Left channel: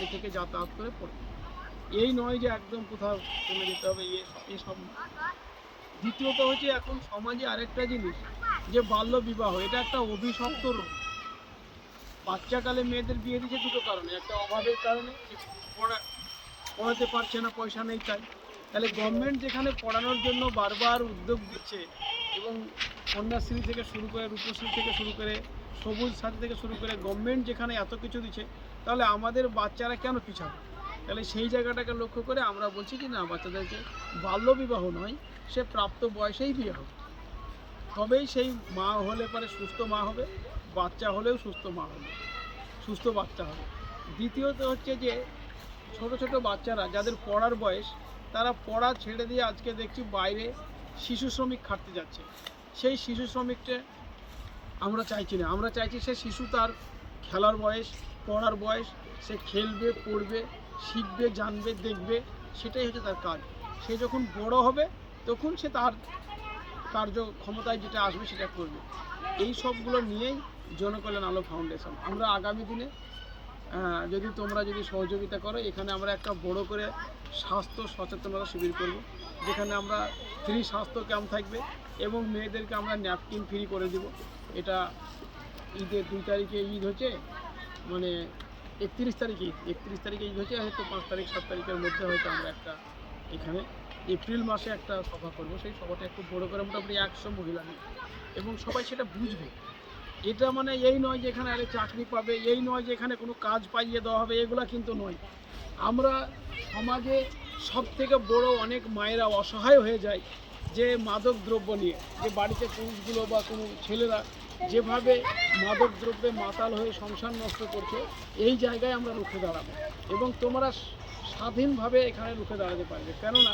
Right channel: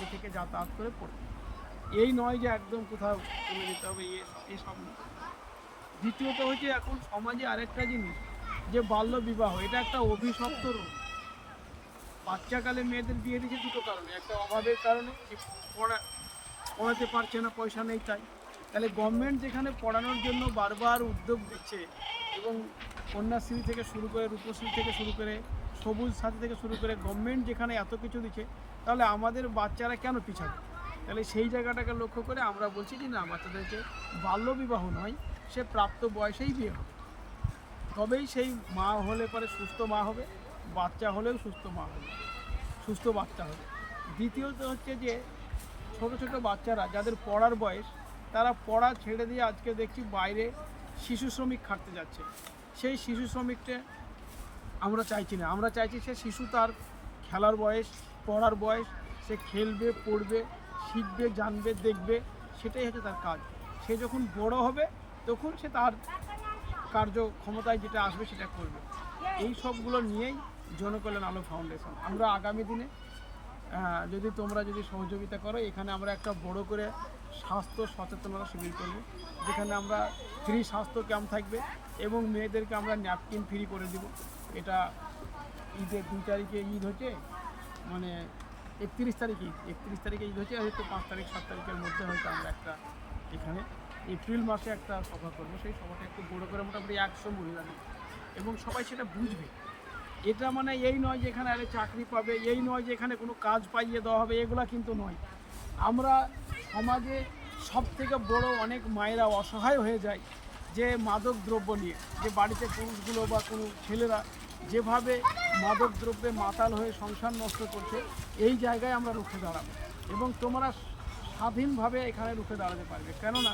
বাড়ি থেকে যাতায়াত করে পড়ে। এই নয় যে একদম কোথাও চলে যেতে হবে, এসব নয়। দ্বিতীয়ত হচ্ছে এখন সমাজে আরেকটা জিনিস, যে বাল্য বিবাহ, এটা একটা অভিশপ্ত রোগ। বাচ্চাকালে মেয়েদের বিয়ে দিচ্ছে দুটো কারণে, একটা অভাবের কারণে, পড়াতে পারছে না, পয়সা নেই তাই। তাহলে গভর্নমেন্ট যেখানে পড়ানোর জন্য বারবার উদ্যোগ দিচ্ছে, এবং কন্যাশ্রী থেকে শুরু করে, রূপশ্রী থেকে শুরু করে, সবুজ সাথী থেকে শুরু করে গভর্নমেন্ট যেখানে এত কিছু দিচ্ছে, তাহলে আমাদের বাচ্চারা কেন পিছাবে? তাহলে সেই জায়গাটাকে লক্ষ্য করে আমরা বলছি কি না, বাচ্চাদেরকে বাল্যবিবাহ নয়, সে প্রাপ্ত বয়সেই বিয়ে হবে, তবেই সেই মা হলে পরে সুস্থ মা হবে, বাচ্চা হলেও সুস্থ মা হবে, সুস্থ বাচ্চা হবে। দ্বিতীয়ত হচ্ছে যে ছোট ছোট বাচ্চারা যাদের পড়ার বয়স, তারা পড়া ছেড়ে দিয়ে আজকে দেখছি বাইরে শিশু শ্রমিক খাটতে যাচ্ছে। সেই শিশু শ্রমিকটা আমরা চাইছি না, আমরা চাইছি সে শিশু, তার খেলার বয়স, পড়ার বয়স, সে খেলবে, পড়বে, শিখবে, জানবে, দেখবে, সেটাই হচ্ছে তার কাজ। সে যখন বড় হবে তখন সে তার কার্যক্ষমতায় যেটা আসবে সেটা করবে। এই সবগুলো নিয়েই জনকল্যাণ আলো ফাউন্ডেশন। আমরা আগামী দিনে যদি তোমরা সহযোগিতা করো, এখানে আমরা একটা বড় করে স্বাস্থ্য সচেতনতা শিবির করব, যেখানে আমরা ফ্রি স্বাস্থ্য ক্যাম্প থাকবে, এবং মেয়েদেরকে আমরা ন্যাপকিন ফ্রি করে দিব। এটা ঈদের 2 তারিখে ঈদ হচ্ছে, মানে 31 তারিখে ঈদ, 31 তারিখে ঈদ হচ্ছে, হয়তো 5 তারিখ 7 তারিখের মধ্যে হয়তো আমরা একটা এখানে এপ্রিল মাসে একটা সভা করবো। সেই সভাটা একটু বড় করে, মোটামুটি 100 মহিলা নিয়ে, এবং সবাই সেটা বুঝবে। এটা মানে এই নয় যে এখানে আরে চাকরি পাবে, এই নয় যে এখানে কোনো কাজ পাইয়ে দেওয়া হবে, এগুলা কিন্তু নয়। আমরা সমাজে সব থেকে বড় অনেক মায়েরা অসহায় হয়ে যায় যে মাদক দ্রব্য নিয়ে, যে বাড়িতে পুরুষগুলো বা কোনো ছেলেরা যেভাবে মাদক দ্রব্যে মাতাল হয়ে সংসার নষ্ট করছে, এই জায়গায় আমরা রুখে দাঁড়াবো, এবং তোমরা স্বাধীনভাবে এখানে রুখে দাঁড়াতে পারবে। কেননা